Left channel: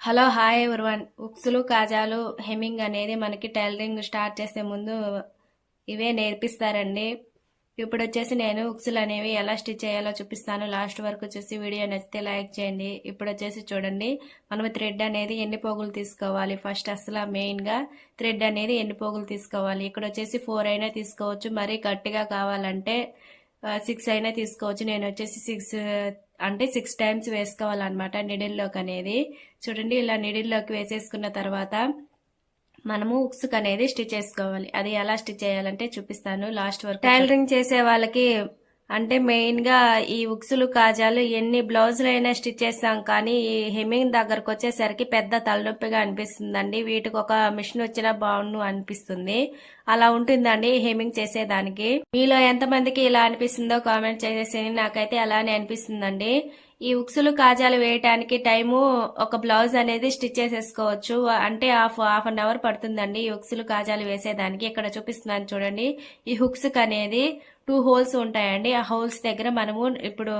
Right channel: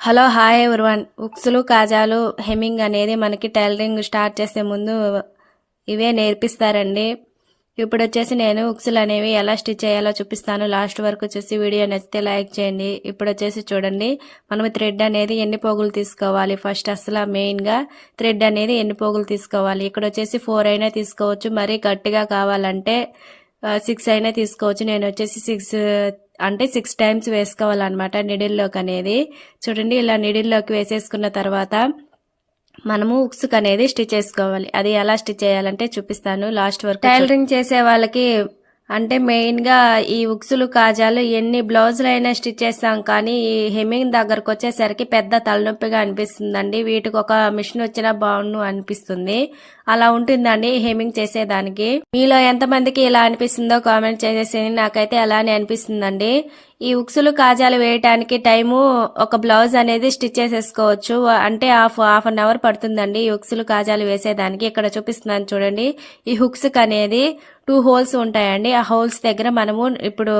Hello hi everyone. ఉక్సులు కాజాలు hemming అనేది మనకి టైలరింగ్ స్టార్ట్ చేసే ముందు ఇవే నేర్పిస్తారండి. ఇప్పుడు వచ్చేసి నేను ఉక్సులు అనేవి ఎలా స్టిచ్ చేయాలో చూపిస్తాను. లాస్ట్ వరకు వచ్చేసి వీడియో నచ్చితే లైక్ చేయండి. ఇప్పుడు వచ్చేసి చూడండి. మనం థ్రెడ్ అనేది ఎన్ని పోగులు తీసుకోవాలి? ఫస్ట్ అసలు మెయిన్గా థ్రెడ్ అనేది ఎన్ని పోగులు తీసుకోవాలి? ఇక్కడ వచ్చేసి ఫోర్ అయినా తీసుకోవచ్చు. మరీ గట్టిగా కావాలంటే సిక్స్ అయినా తీసుకోవచ్చు. నేను వచ్చేసి సిక్స్ అంటే సిక్స్ టైమ్స్ వేసుకోవాలన్నమాట నిడిల్లోకి అనేది. చూడండి ఇలా నిడిల్లోకి వేసేసుకున్న తర్వాత మనము ఉక్సుక్ అనేది స్టిచ్ చేసుకోవాలి. అది ఎలా స్టిచ్ చేయాలంటే చూపిస్తాను. లాస్ట్ వరకు టైలరింగ్ చేసే వాళ్ళకి అంటే మెయిన్గా ఈ ఉక్సులు కాజాలు ఎన్ని బ్లౌజులు అయినా స్టిచ్ చేస్తాం కానీ ఈ హెమ్మింగ్ దగ్గరకు వచ్చేసరికి పెద్ద తలనొప్పిగా అనిపిస్తుందండి. వీటికి ఒక మిషన్ వచ్చినా బాగుండు అనిపిస్తుంది. అలా ఉంటుందండి హెమ్మింగ్ చేసేదానికి. మీలో ఎంతమందికి ఇలా అనిపిస్తుందో కామెంట్ చేసేసి నాకైతే అలానే అనిపిస్తుందండి. ఈ ఉక్సులు కాజాలు వేయటానికి టైము ఒక బ్లౌజ్ అనేది స్టిచ్ చేసేసుకోవచ్చు. అంటే హాఫ్ హాఫ్ అన్ అవర్ పడుతుందండి ఈ ఉక్సులు కాజాలు వేసేదానికి. ఇక్కడ చూపిస్తున్నాను చూడండి. ఈ హుక్స్ అనేది టూ హోల్స్ ఉంటాయండి. ఆ హోల్స్ దగ్గర మనము ఇప్పుడు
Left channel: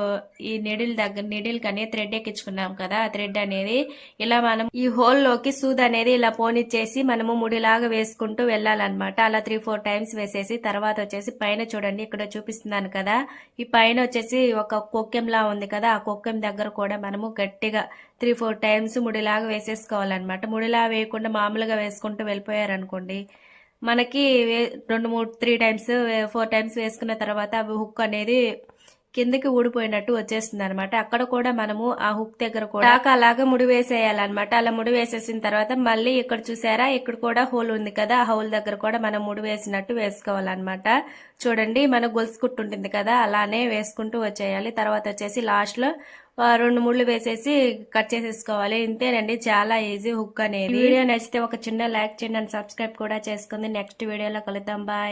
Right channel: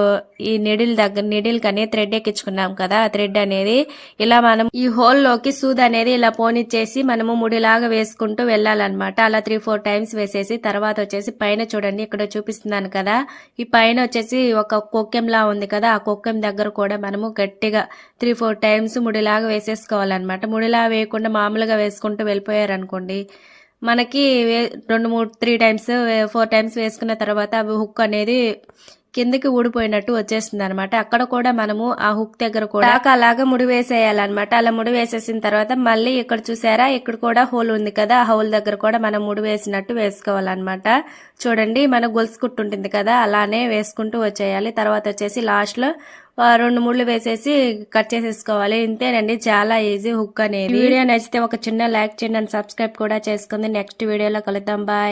ఈ నిడిల్ దగ్గర నిడిల్ కనే థ్రెడ్ ఎక్కించుకున్నాం కదా ఆ థ్రెడ్ అనేది ఇలా మనం ఈ హోల్లోకి సూద్ అనేది ఇలా పోనిచ్చేసి మనము ముడిలాగా వేసుకుంటూ వెళ్ళాలన్నమాట. అలా త్రీ ఫోర్ టైమ్స్ వేసేసి తర్వాత వచ్చేసి పైన చూడండి ఇక్కడ చూపిస్తున్నాను కదా. ఈ పైన వచ్చేసి ఒక కొక్కెంలా ఉంది కదా ఆ కొక్కెం దగ్గర కూడా మనము గట్టిగా త్రీ ఫోర్ టైమ్స్ ముడిలాగా వేసేసుకోవాలన్నమాట. ముడిలా వేయకుండా మామూలుగా వేసుకుంటూ వెళ్ళిపోయారనుకోండి మనకి రెండు మూడు త్రీ టైమ్స్ ఫోర్ టైమ్స్ వేసుకున్న తర్వాత అవి హుక్ అనేది కిందకి ఊడిపోయినట్టు వచ్చేస్తుంది అనమాట అక్కడ కూడా మనము ఆ హుక్ దగ్గర కూడా అలాగా ముడి వేసేయాలన్నమాట అలా ముడి వేసేసిన తర్వాత మళ్ళీ ఇక్కడ చూసారా? ఇక్కడ కూడా హోల్ ఉంది కదా. ఆ హోల్ దగ్గర కూడా మనం ముడి వేసినట్టు వేసుకోవాలన్నమాట. చూడండి మన గొలుసు కుట్టు ఉంటుంది కదా. అలానే వేసుకుంటూ వచ్చేయాలి. తర్వాత వచ్చేసి లాస్ట్లో రెండు ముళ్ళు వేసేసి కట్ చేసేసుకోవాలి. ఇంతేనండి. చాలా ఈజీ హుక్ అనేది. వీడియో నచ్చితే ఒక చిన్న లైక్ చేయండి సబ్స్క్రైబ్ కూడా చేసుకుంది. నెక్స్ట్ వీడియోలో కలుద్దాం. బాయ్.